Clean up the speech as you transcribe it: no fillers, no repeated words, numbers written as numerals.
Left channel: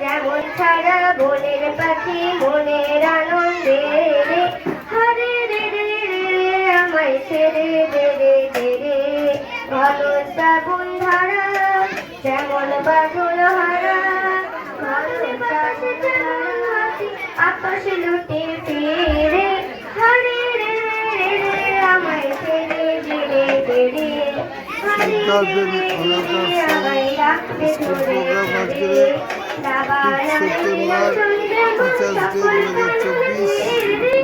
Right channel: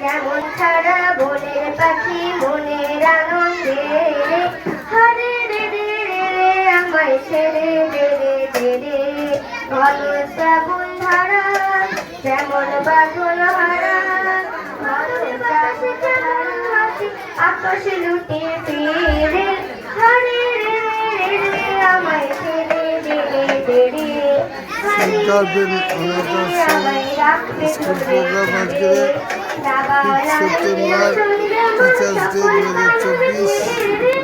যেমন সারা বনের পাখি মনের আনন্দে হরে রে রে রে আমায় ছেড়ে দে রে দে রে শ্রাবণ ধারা যেমন বাদল হারা মাথার কাছে আকাশ লুটে ফিরে হরে রে রে রে আমায় ছেড়ে দে রে দে রে স্কুল প্রোগ্রাম আজকে 5 সেপ্টেম্বর টিচার্স ডে 2024।